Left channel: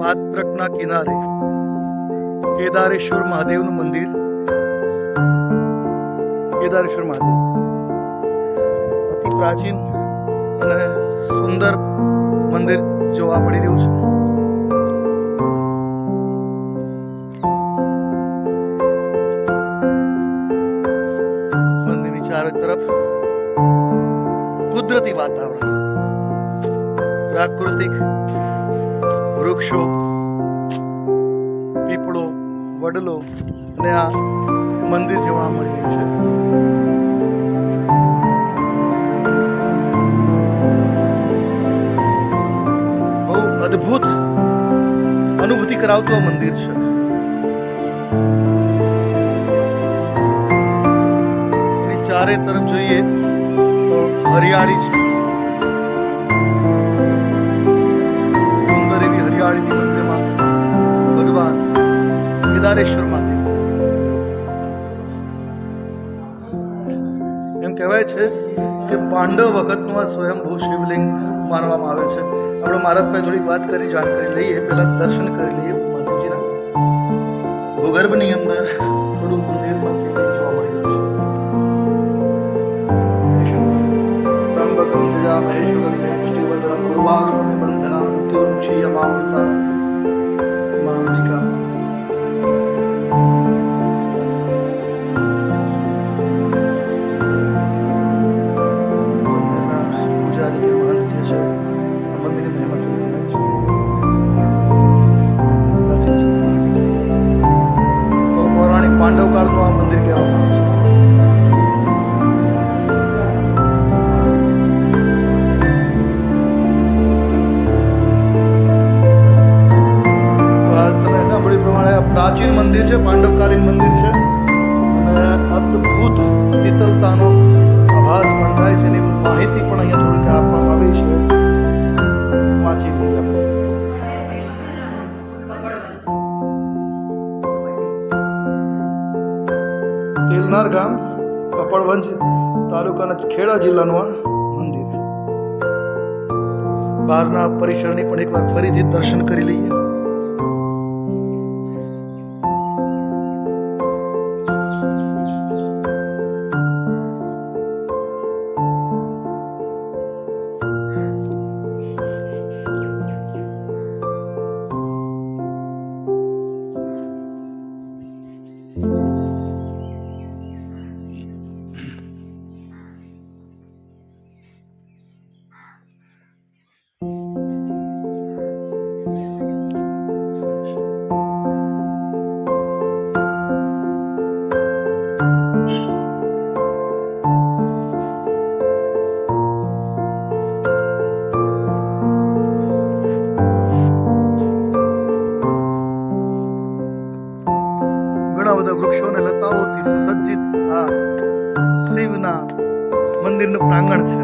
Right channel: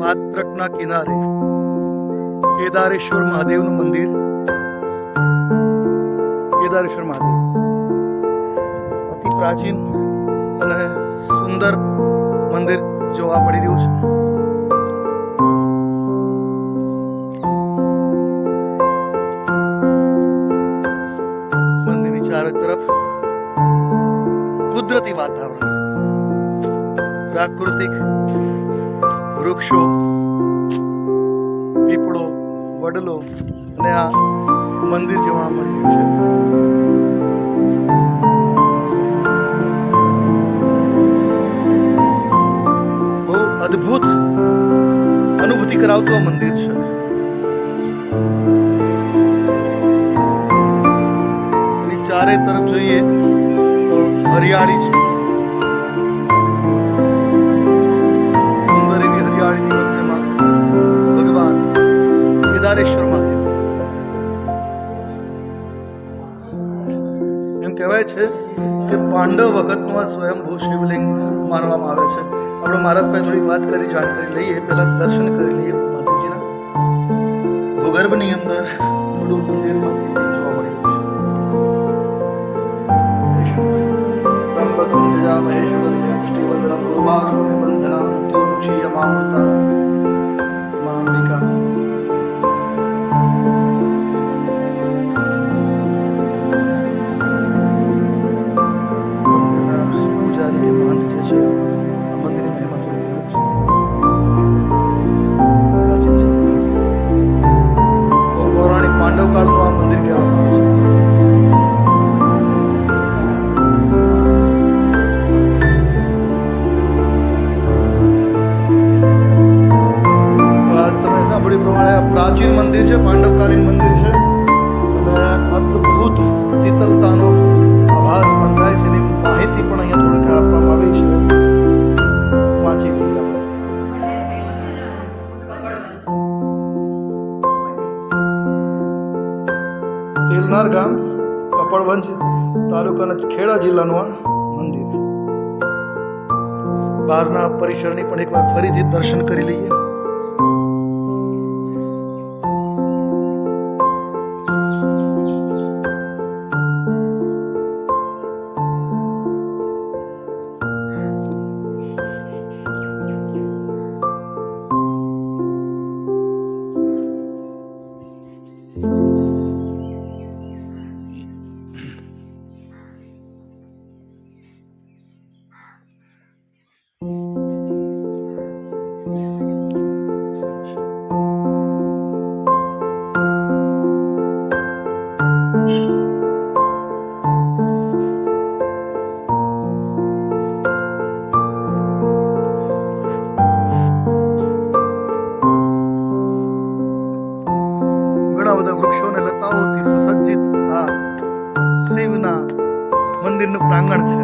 વાત્રકના કિનારે કેદારેશ્વર મહાદેવનું મંદિર. કેદારેશ્વર મહાદેવ અતિ પ્રાચીન અને સુંદર મંદિર જોવા મળી રહ્યું છે. મંદિરની ચારે તરફ કુદરતી વાતાવરણ, પ્રાકૃતિક વૃક્ષો, પીપળો, વડલો અને આ મંદિર જોવા મળી રહ્યું છે. બહુ અદ્ભુત અનુભૂતિ કરાવતું આ મંદિર છે. એની ચારે તરફ જોઈએ તો હરિયાળી છે. સુંદર એવી હરિયાળીની મધ્યમાં ભગવાન કેદારેશ્વર મહાદેવ. એમ કહેવાય છે કે પાંડવ વખતનું આ સ્વયંભૂ શિવલિંગ માનવામાં આવે છે. આપણે મહારાજભાઈ થોડીક વાત કરી, જાણકારી લઈએ, પહેલા દર્શન કરી લઈએ મહાદેવજીના. ભૂગર્ભની અંદર થોડું મંદિરમાં શિવલિંગ જોવા મળી રહ્યું છે. ત્રંબકમ જજામહે સુગંધિ પુષ્ટિવર્ધનમ ઉર્વારુકમિ બંધનામ મૃત્યોર્મુક્ષીયમામૃતાत् મામ્બિકા. મંદિરના પૂજારી કે મહંત જે છે, આ મંદિરની મહિમા થોડી કહેવાય છે. પ્રાચીન છે, પૌરાણિક પાંડવ કાળનું આ મંદિર કહેવામાં આવે છે. તમે સાંભળ્યું પ્રમાણે આ પ્રાચીન મંદિર છે, પાંડવકાલીન મંદિર છે અને અદ્ભુત શીતળતાનો આભાસ પણ થાય છે. એની માહિતી પણ અહીંયા થોડીક આપવામાં આવી છે, વાંચી લઈએ આપણે. તેલનાર ગામ, કપડવંજ તાલુકાના ખેડા જિલ્લાનું આ મંદિર. બહારના પરિસરની પણ એકવાર ફરીથી દર્શન કરી લઈએ. ઘણા બધા વૃક્ષો અને લતાઓથી સુસજ્જિત આ શિવના મંદિરનું પ્રાંગણ છે.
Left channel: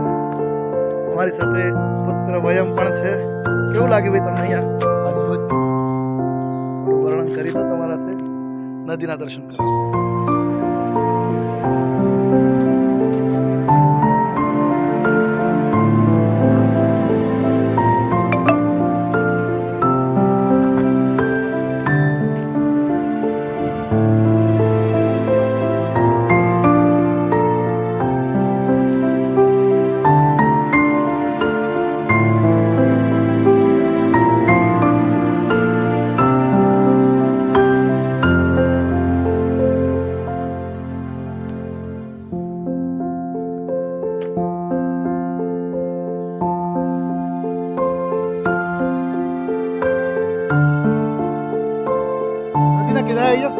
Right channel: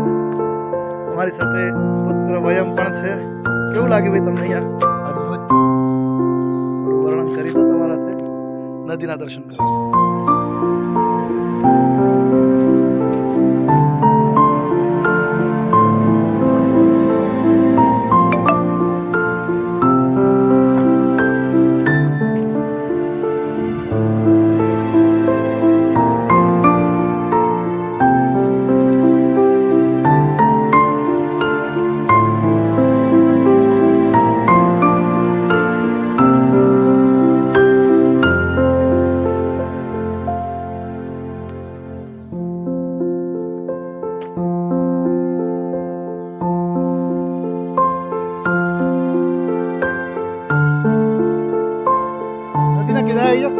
અમારી સાથે પુત્ર વયમ પણ છે. કેવું લાગ્યું ભાઈ તમને અહીંયા? અદ્ભુત. થોડું વર્ણન કરી દો તમારા સાથે. નદીના દર્શન કરો. નદીના કિનારે આવ્યો.